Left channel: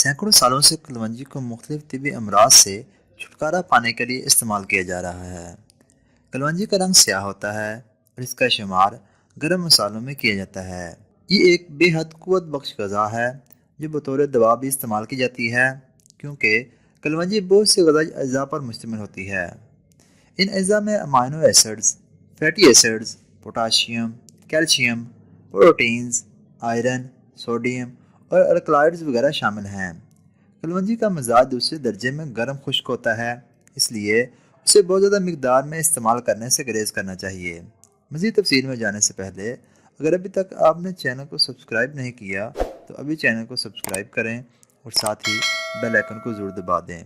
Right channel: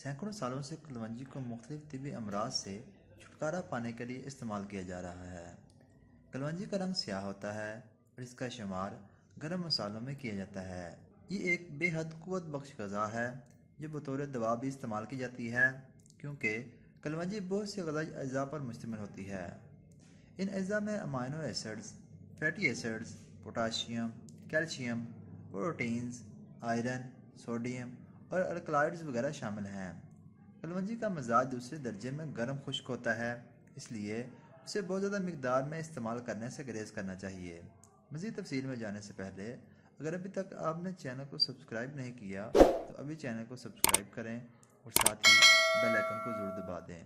سینکڑوں سالوں سے کلونجی کو مختلف طبی امراض سے چھٹکارا پانے کے لیے استعمال کیا جا رہا ہے۔ کلونجی کا رنگ سیاہ ہوتا ہے اور اس کا شمار گرم مسالوں میں کیا جاتا ہے۔ یہ ایک بے حد قوت بخش غذا ہے جو بطور دوا بھی استعمال کی جاتی ہے، کیونکہ کلونجی بہت سے غذائی اجزاء پر مشتمل ہوتی ہے۔ ان اجزاء میں amino acids, fatty acids, potassium, calcium, proteins, iron, sodium اور الکلائڈز وغیرہ شامل ہیں۔ کلونجی کا مزاج دوسرے درجے میں گرم خشک ہوتا ہے، اس لیے اسے بہت زیادہ مقدار میں استعمال کرنے سے گریز کرنا چاہیے۔ مزید تفصیل میں جانے سے پہلے اگر ابھی تک آپ نے چینل کو سبسکرائب نہیں کیا تو ابھی چینل کو سبسکرائب کریں اور ساتھ ہی بیل آئیکن کو ضرور دبا دیں۔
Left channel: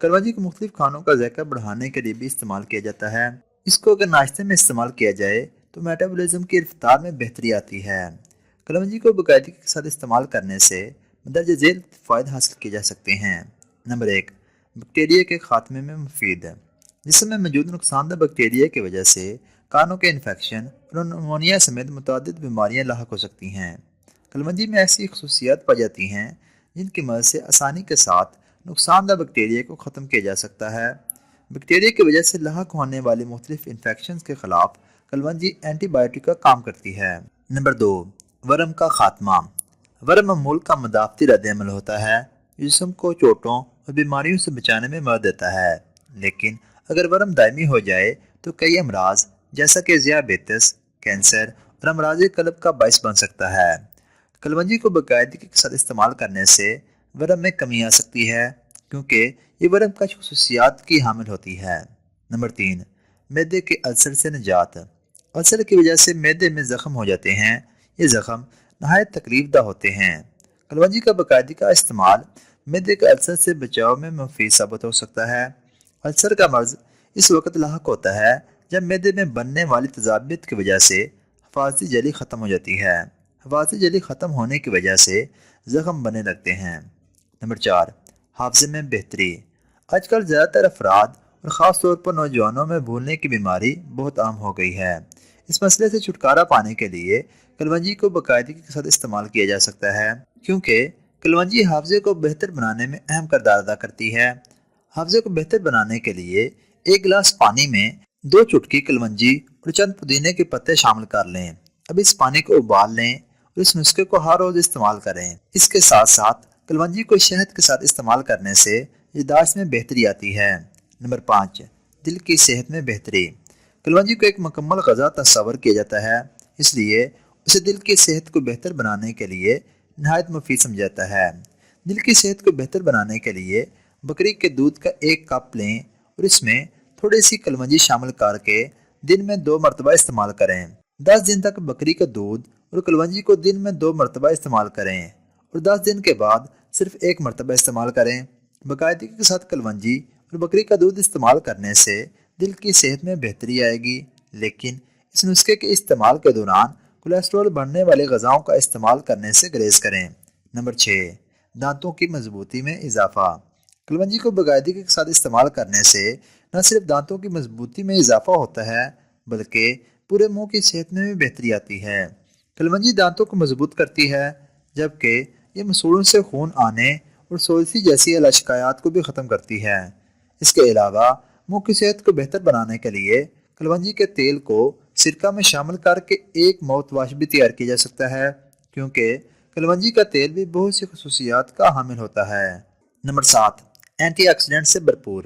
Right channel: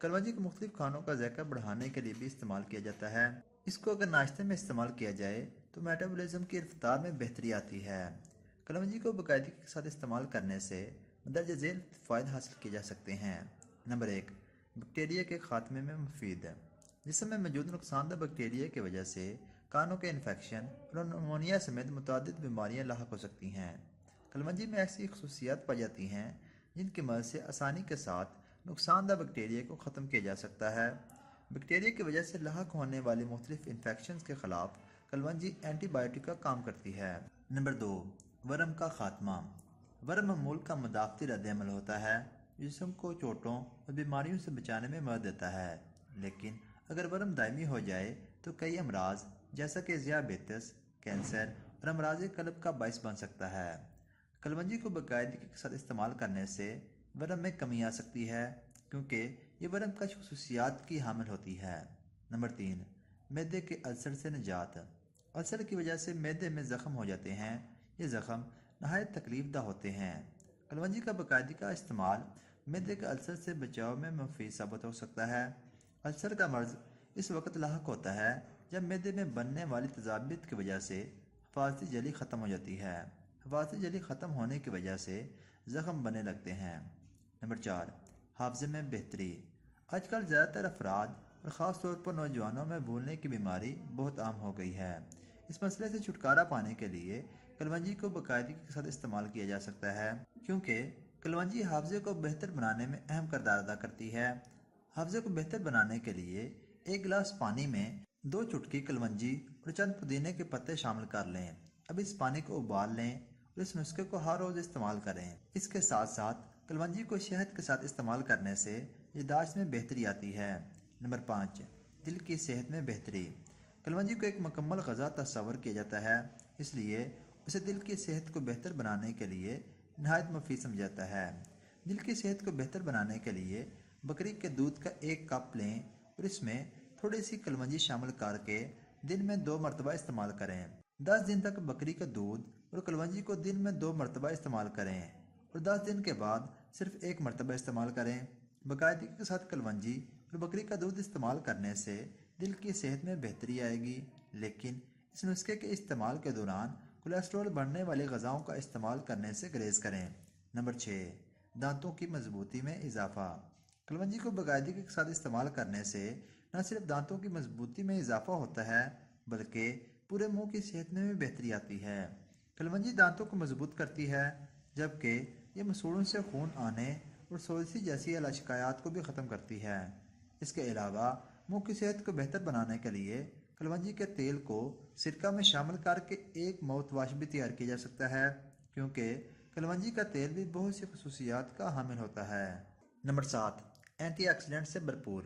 کلونجی کو مختلف کھانوں کا ذائقہ بڑھانے کے لیے بھی استعمال کیا جاتا ہے۔ اس کو اگر ناشتے میں استعمال کیا جائے تو میٹابولزم کی رفتار میں بہتری آتی ہے۔ کلونجی کو باقاعدگی کے ساتھ استعمال کرنے سے مندرجہ ذیل فوائد حاصل کیے جا سکتے ہیں۔ نمبر 1، بیکٹیریا کے خاتمے میں مفید ہے۔ جسم میں موجود نقصان دہ بیکٹیریا کی وجہ سے کانوں کے انفیکشن اور نمونیا سمیت متعدد بیماریاں لاحق ہو سکتی ہیں۔ کلونجی میں ایسی خصوصیات پائی جاتی ہیں جن کی مدد سے آسانی کے ساتھ نقصان دہ بیکٹیریا کو ختم کیا جا سکتا ہے۔ بیکٹیریا کی وجہ سے لاحق ہونے والی مختلف انفیکشنز کے خلاف کلونجی اینٹی بائیوٹک کا کام کرتی ہے۔ نمبر 2، ورم کا خاتمہ۔ ورم معمول کا مدافعتی رد عمل ہوتا ہے جو جسم کو چوٹوں اور بیماریوں سے بچانے میں مدد دیتا ہے، لیکن اگر ورم دائمی ہو جائے تو کئی امراض جیسا کہ ذیابیطس، کینسر اور امراض قلب کا باعث بن سکتا ہے۔ کلونجی کو باقاعدگی کے ساتھ استعمال کرنے سے ورم میں کمی آ سکتی ہے، کیونکہ یہ ورم کش خصوصیات کی حامل ہوتی ہے۔ نمبر 3، معدے کے السر سے نجات۔ السر کی وجہ سے معدے میں زخم ہو جاتے ہیں۔ یہ زخم نہایت تکلیف دہ ہوتے ہیں۔ کلونجی کا باقاعدگی کا استعمال معدے کے السر سے بچاؤ میں مفید ثابت ہو سکتا ہے۔ السر کا مرض اس وقت لاحق ہوتا ہے جب معدے میں بننے والی تذابیت کی وجہ سے حفاظتی جھلی ختم ہو جاتی ہے۔ حفاظتی جھلی ختم ہونے کی وجہ سے زخم بننے لگتے ہیں۔ نمبر 4، حافظے میں بہتری۔ آج کل زیادہ تر افراد اور خاص طور پر نوجوانوں میں بھولنے کی بیماری بہت عام ہو گئی ہے۔ اس مسئلے سے چھٹکارا پانے کے لیے کلونجی کو باقاعدگی کے ساتھ استعمال کیا جا سکتا ہے، کیونکہ کلونجی حافظے کو بہتر بنانے میں اہم کردار ادا کرتی ہے۔ حافظے کو بہتر بنانے کے لیے ایک گلاس پانی میں 2 چٹکی کلونجی اور چند پودینے کے پتے شامل کر لیں۔ اب اس پانی کو ابال لیں اور اس نسخے کو ہر روز استعمال کریں۔ اس کے ساتھ ساتھ کلونجی کو شہد کے ساتھ استعمال کرنے سے یادداشت میں بہتری آتی ہے۔ نمبر 5، دل کی صحت میں بہتری۔ کلونجی کو ایک مکمل غذا تصور کیا جاتا ہے، اس لیے اسے دل کی صحت کو بہتر بنانے کے لیے نہایت مفید سمجھا جاتا ہے۔ دل کی صحت کو بہتر بنانے کے لیے بکری کے دودھ کا 1 کپ لیں اور اس میں تھوڑی سی کلونجی شامل کر کے دن میں 2 مرتبہ استعمال کریں۔ 10 دن تک بکری کا دودھ اور کلونجی کو دن میں 2 مرتبہ استعمال کریں اور 10 دن کے بعد صرف 1 مرتبہ استعمال کریں۔ باقاعدگی کے ساتھ کلونجی اور بکری کا دودھ استعمال کرنے سے دل کی صحت میں بہتری آئے گی، لیکن اس نسخے کے استعمال کے دوران کولیسٹرول بڑھنے والے غذاؤں کا استعمال کرنے سے گریز کریں۔ نمبر 6، دانتوں کی مضبوطی میں اضافہ۔ کلونجی کو باقاعدگی کے ساتھ استعمال کرنے سے نہ صرف دانتوں کی مضبوطی میں اضافہ ہوتا ہے بلکہ پورے منہ کی صحت میں بھی بہتری آتی ہے۔ کلونجی دانتوں کو مضبوط کرتی ہے، جبکہ یہ مسوڑوں سے خون آنے اور سوزش جیسی علاشکایات کو بھی ختم کرتی ہے۔ اس کے علاوہ منہ کی صحت کو بہتر بنانے کے لیے کلونجی کے تیل کو سرکہ میں شامل کر کے ایک ماؤتھ واش بھی تیار کیا جا سکتا ہے، کیونکہ کلونجی کا تیل بھی بہت سی خصوصیات کا حامل ہوتا ہے۔ نمبر 7، اینٹی آکسیڈنٹ سے بھرپور۔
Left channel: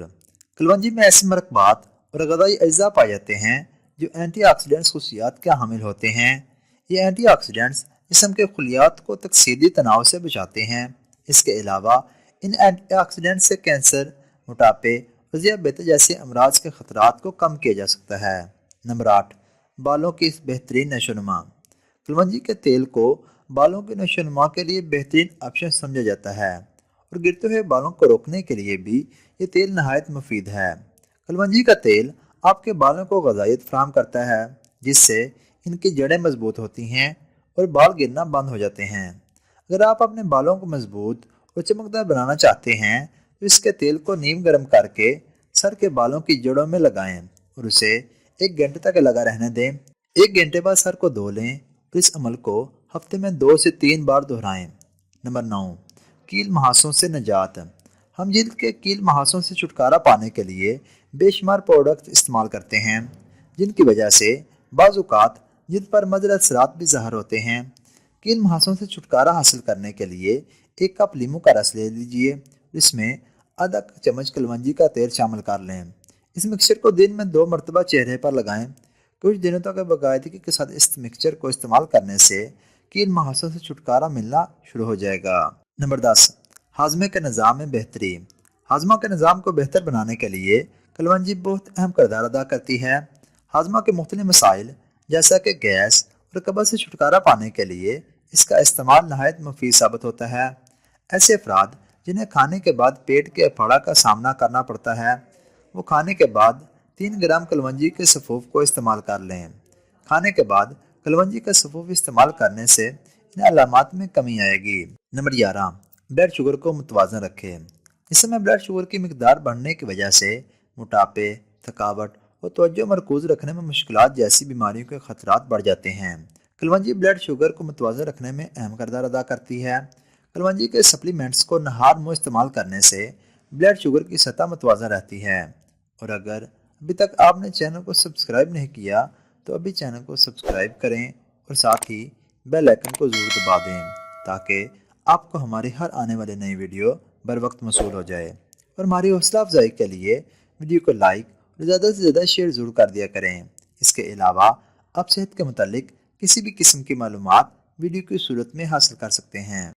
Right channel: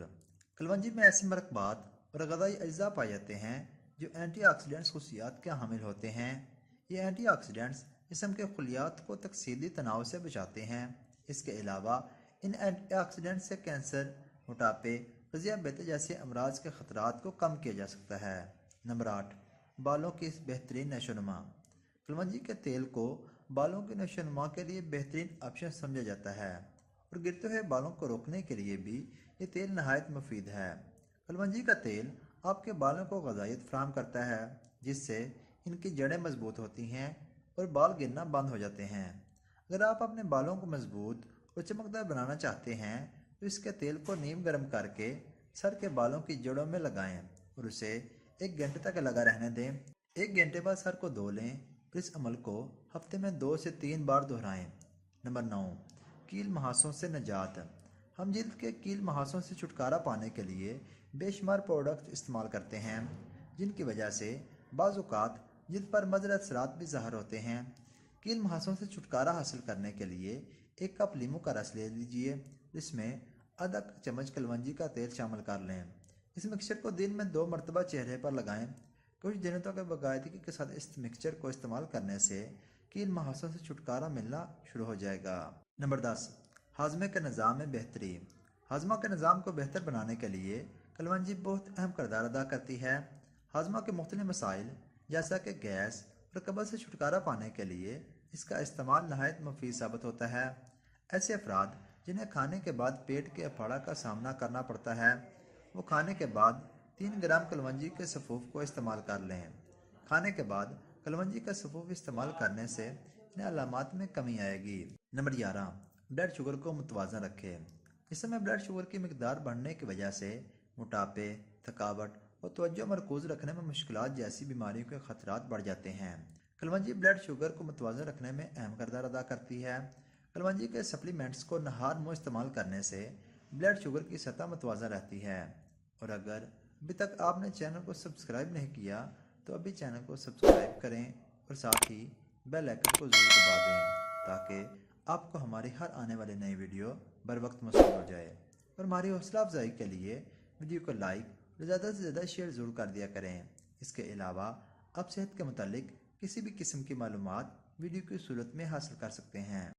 کلونجی میں ایسے مرکبات اور غذائی اجزاء پائے جاتے ہیں جو اینٹی آکسیڈنٹس خصوصیات کے حامل ہوتے ہیں۔ یہ اینٹی آکسیڈنٹس جسم کے خلیات کو تکسیری تناؤ سے بچاتے ہیں۔ اس کے علاوہ ان اینٹی آکسیڈنٹس سے کینسر، موٹاپے اور ذیابیطس جیسے امراض کے خطرات کو کم کیا جا سکتا ہے۔ نمبر 8، بالوں کی بہترین نشو و نما۔ کلونجی کے تیل کو بالوں کی نشو و نما کے لیے بہترین آپشن سمجھا جاتا ہے اور گرتے ہوئے بالوں کو روکنے کے لیے بھی یہ تیل نہایت مفید ہے۔ کلونجی کا تیل آپ کے بالوں کو غذائیت فراہم کرتا ہے، جس سے ان کی جڑیں مضبوط ہوتی ہیں اور بال گرنا بند ہو جاتے ہیں۔ اگر آپ اپنے بالوں کو مضبوط اور چمکدار بنانا چاہتے ہیں تو اس کے تیل کو نیم گرم کر کے سر کے بالوں کی جڑوں میں لگائیں اور اسے 1 گھنٹے تک لگا رہنے دیں۔ 1 گھنٹے بعد سر کو دھو لیں اور اس عمل کو ہفتے میں 2 سے 3 بار دہرائیں۔ نمبر 9، کیل مہاسوں سے نجات۔ ہم جلد کے کیل مہاسوں سے چھٹکارا پانے کے لیے بے شمار پروڈکٹ استعمال کرتے ہیں، جن کی وجہ سے بعض اوقات جلد پر مضر اثرات بھی ظاہر ہوتے ہیں۔ کیل مہاسوں سے چھٹکارا حاصل کرنے کے لیے 1 کپ لیموں کا رس لے لیجئے، اس میں آدھا چمچ کلونجی کا تیل شامل کر لیں۔ اس مکسچر کو دن میں 2 مرتبہ چہرے پر لگائیں۔ کچھ دنوں تک باقاعدگی کے ساتھ اس مکسچر کو استعمال کرنے سے کیل مہاسوں سے چھٹکارا ملنا شروع ہو جائے گا۔ نمبر 10، ہاضمے کے نظام میں بہتری۔ ہاضمہ کے نظام کو بہتر بنانے کے لیے کلونجی بہت اہم کردار ادا کرتی ہے۔ ہاضمہ کے مختلف مسائل جیسا کہ گیس اور قبض سے چھٹکارا پانے کے لیے اس کا استعمال نہایت مفید ثابت ہوتا ہے۔ ایسے افراد جنہیں کھانے کے بعد پیٹ کے پھاڑا کا سامنا کرنا پڑتا ہے، وہ کھانے کے بعد 3 گرام کلونجی کے سفوف کو استعمال کر لیں۔ کھانے کے بعد کلونجی کا سفوف استعمال کرنے سے ان علامات میں کمی آئے گی۔ نمبر 11، بلڈ شوگر کو متوازن رکھے۔ اس سمے بلڈ شوگر کی مقدار بڑھنے کی وجہ سے موٹاپے، تھکاوٹ اور توجہ مرکوز رکھنے میں مشکلات جیسی بیماریوں کے خطرات بڑھ جاتے ہیں۔ کلونجی بلڈ شوگر کو متوازن رکھنے میں اہم کردار ادا کرتی ہے۔ کلونجی کے سپلیمنٹس کو نہار منہ استعمال کرنے سے بلڈ شوگر کی سطح متوازن رہتی ہے۔ اور اگر ابھی تک آپ نے چینل کو سبسکرائب نہیں کیا تو ابھی چینل کو سبسکرائب کریں اور ساتھ ہی بیل آئکن کو ضرور دبا دیں تاکہ آپ کو ہماری ہر آنے والی نئی ویڈیو بر وقت موصول ہو جائے۔ اور ہماری حوصلہ افزائی کے لیے ویڈیو کو لائک اور زیادہ سے زیادہ شیئر ضرور کر دیا کریں۔ اس کے علاوہ آپ صحت کے متعلق کسی بھی قسم کی معلومات ویڈیو کی صورت میں حاصل کر سکتے ہیں۔